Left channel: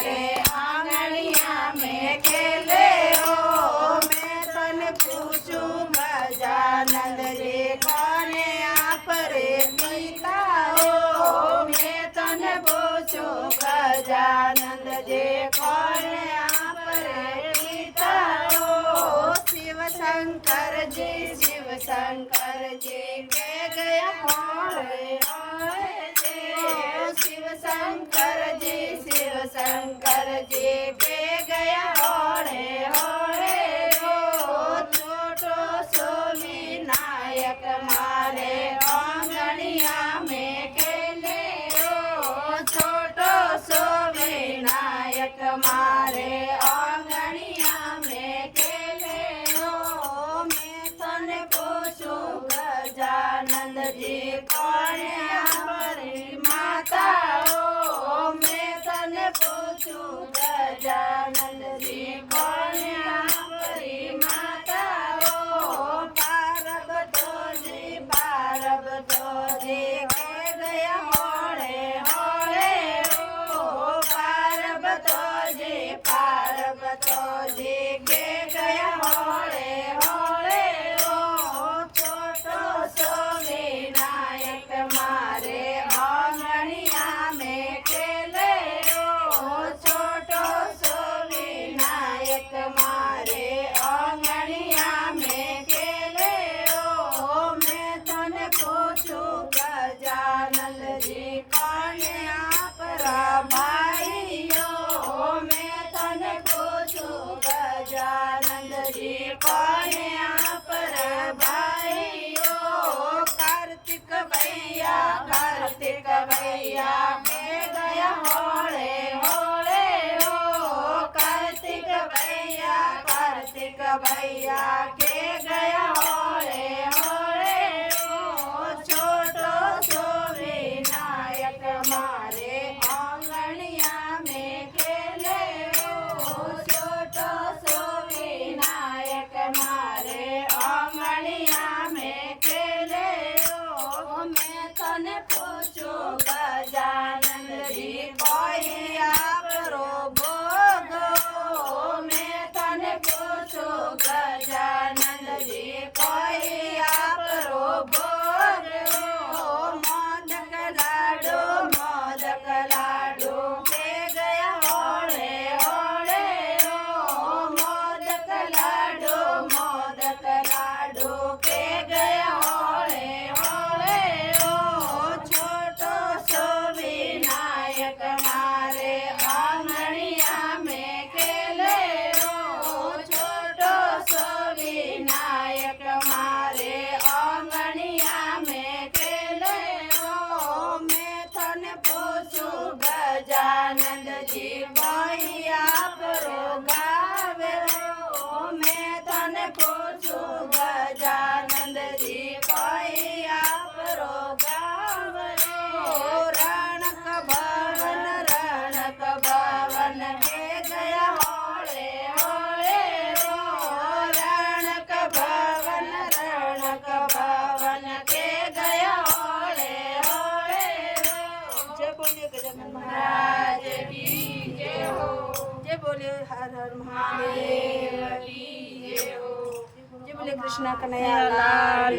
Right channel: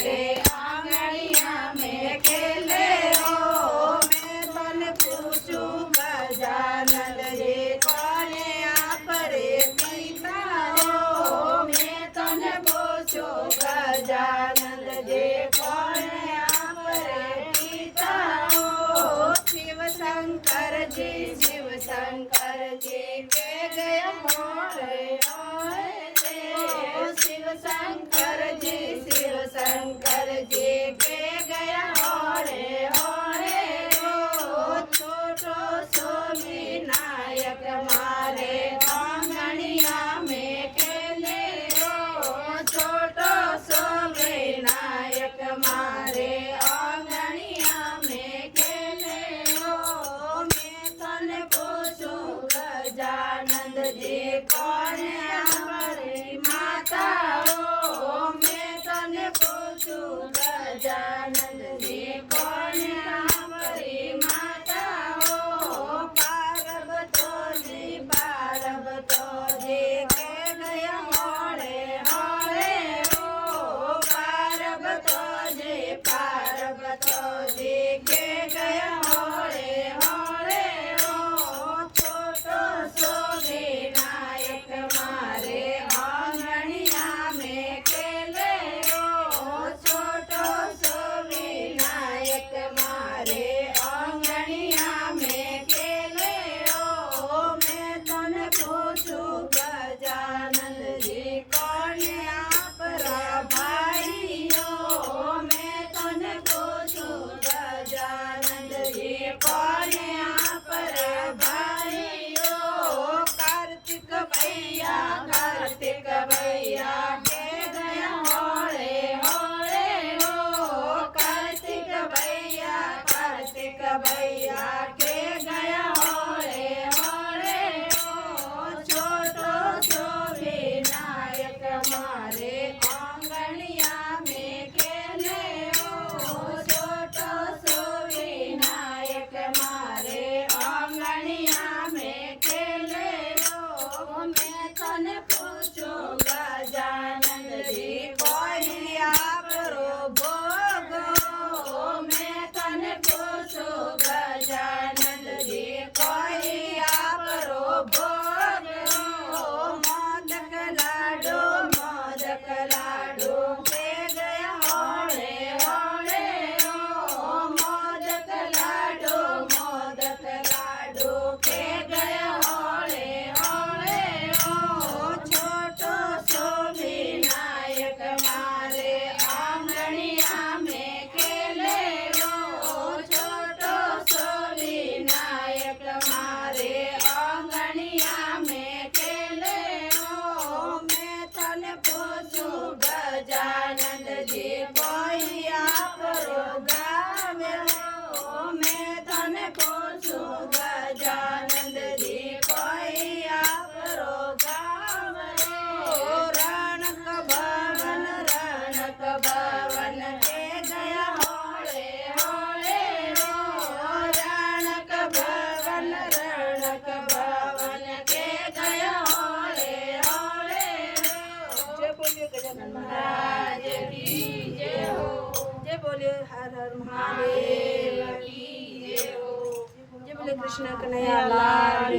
मारे आंगणिया में खेले हो। मैं तने पूछूं गजानंद जी कोने आप रे पीता हो। मैं तने पूछूं गजानंद जी कोने आप रे पीता हो। शिव शंकर जी के गया होए शिव शंकर जी के गया होए छोटो सो विनायक मारे आंगणिया में खेले हो। छोटो सो विनायक मारे आंगणिया में खेले हो। मैं तने पूछूं गजानंद जी कौन हमारी माता हो। मैं तने पूछूं गजानंद जी कौन हमारी माता हो। पार्वतो जी के गया होड़े होड़े हो। पार्वतो जी के गया होड़े होड़े हो। छोटो सो विनायक मारे आंगणिया में खेले हो। छोटो सो विनायक मारे आंगणिया में खेले हो। मैं तने पूछूं गजानंद जी कौन आपरा भाई हो। मैं तने पूछूं गजानंद जी कौन आपरा भाई हो। कार्तिक भैया के गया होड़े होड़े हो। कार्तिक भैया के गया होड़े होड़े हो। छोटो सो विनायक मारे आंगणिया में खेले हो। छोटो सो विनायक मारे आंगणिया में खेले हो। मैं तने पूछूं गजानंद जी कोई आपरो भोग हो। मैं तने पूछूं गजानंद जी कोई आपरो भोग हो। मोदक लाडू के गया होड़े होड़े हो। मोदक लाडू के गया होड़े होड़े हो। छोटो सो विनायक मारे आंगणिया में खेले हो। छोटो सो विनायक मारे आंगणिया में खेले हो। मैं तने पूछूं गजानंद जी कोई आपरो गावे हो। मैं तने पूछूं गजानंद जी कोई आपरो गावे हो। रणक भवन के गया होड़े होड़े हो। रणक भवन के गया होड़े होड़े हो। जय बोलिए गजानन महाराज की जय हो। जय बोलिए हर हर महादेव की जय हो। जय बोलिए कृष्णा कन्हैया लाल।